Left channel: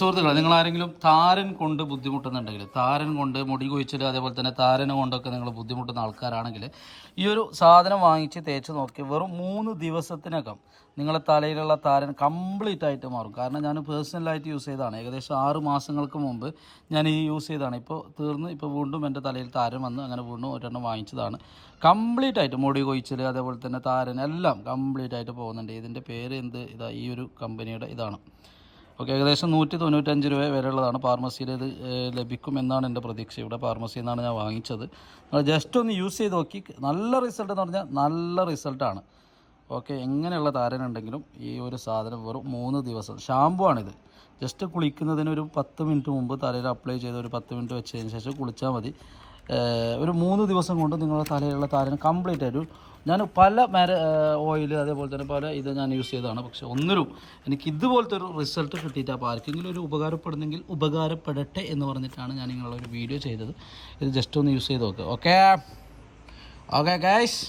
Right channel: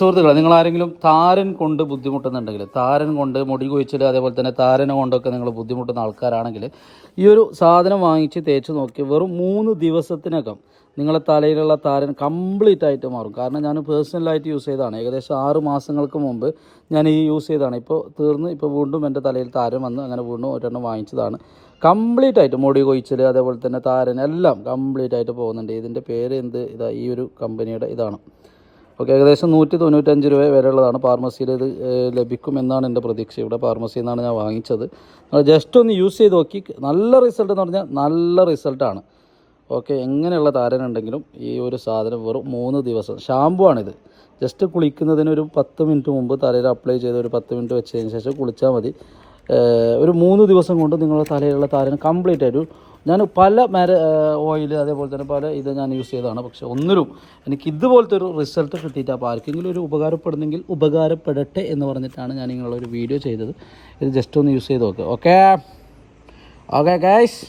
സുഹൃത്തുക്കളെ, നിങ്ങൾ ആരെങ്കിലും താരൻ കൊണ്ട് ബുദ്ധിമുട്ടുന്നുണ്ടെങ്കിൽ, താരൻ കൊണ്ട് മുടി കൊഴിച്ചിൽ അതേപോലെ തന്നെ താരനെ കൊണ്ടൊക്കെ നിങ്ങൾ ബുദ്ധിമുട്ടുന്ന ആൾക്കാരാണെങ്കിൽ ഈ ഒരു സാധനം വാങ്ങിച്ച് തേച്ച് നോക്കി വെറും 3 ദിവസത്തിനകം നിങ്ങളെ തലയിലുള്ള താരൻ കംപ്ലീറ്റ് ആയിട്ട് മാറും. കാരണം ഞാൻ പേഴ്സണലായിട്ട് യൂസ് ചെയ്തതാണ്. ഏകദേശം 6 മാസങ്ങൾക്ക് മുമ്പ് ഞാൻ ഈ യൂസ് ചെയ്തതാണ്. ഇപ്പോൾ തീർന്ന് ഇപ്പോൾ വീണ്ടും എൻ്റെ തലയിൽ താരൻ വന്ന് അങ്ങനെ വീണ്ടും ഒരെണ്ണം വാങ്ങിച്ചതാണ്. കംപ്ലീറ്റ് ആയിട്ട് മുടി കൊഴിച്ചിൽ അതേപോലെ തന്നെ താരൻ എല്ലാം കംപ്ലീറ്റ് ആയിട്ട് പോകുന്നുണ്ട്. ഇതിൻ്റെ പേര് ഇതാ ഈ ഒരു കമ്പനിയുടെ ഇതാണ്. ഓക്കെ, ഏകദേശം 195 രൂപ വരെയുള്ളതാണ്. ഫാർമസിയിൽ ഇത് ലഭിക്കുമെന്നാണ് എൻ്റെ പ്രതീക്ഷ. ഇവിടെ ഫാർമസിയിൽ നിന്നാണ് ഞാൻ വാങ്ങിച്ചത്. ജസ്റ്റ് ഒന്ന് യൂസ് ചെയ്ത് നോക്കി. നല്ല റിസൾട്ട് എന്ന് പറഞ്ഞാൽ നല്ല റിസൾട്ടാണ്. ഓക്കെ, എങ്ങനെയുള്ള താരനുണ്ടെങ്കിലും ഈ ഒരു സാധനം വെറും 3 ദിവസം. ഷാമ്പു ആണിത്. ജസ്റ്റ് കുളിക്കുന്നതിന് ഒരു 10 മിനിറ്റ് മുമ്പ് തലയിൽ അപ്ലൈ ചെയ്ത് ഒരു 10 മിനിറ്റ് വെച്ചതിന് ശേഷം കുളിച്ചാൽ മതി. ഒരു 3 ദിവസം കൊണ്ട് നിങ്ങളുടെ തലയിലുള്ള താരൻ കംപ്ലീറ്റ് ആയിട്ട്. ഞാൻ പല ഓയിൽ അതേപോലെ തന്നെ പല ഇത് ഞാൻ യൂസ് ചെയ്തതാണ്. പക്ഷെ ഒന്നിലും എനിക്ക് ഇതുപോലത്തെ ഒരു റിസൾട്ട് കിട്ടിയിട്ട്, അപ്പോൾ ആർക്കെങ്കിലും ഒരു ഉപകാരപ്പെടുന്നെങ്കിൽ ഉപകാരപ്പെടട്ടെ എന്ന് പറഞ്ഞിട്ടാണ് ഞാൻ നിങ്ങളൊരു വീഡിയോ ചെയ്തത്. ഇത് ജസ്റ്റ് ഒന്ന് യൂസ് ചെയ്ത് നോക്കുക. Okay okay guys.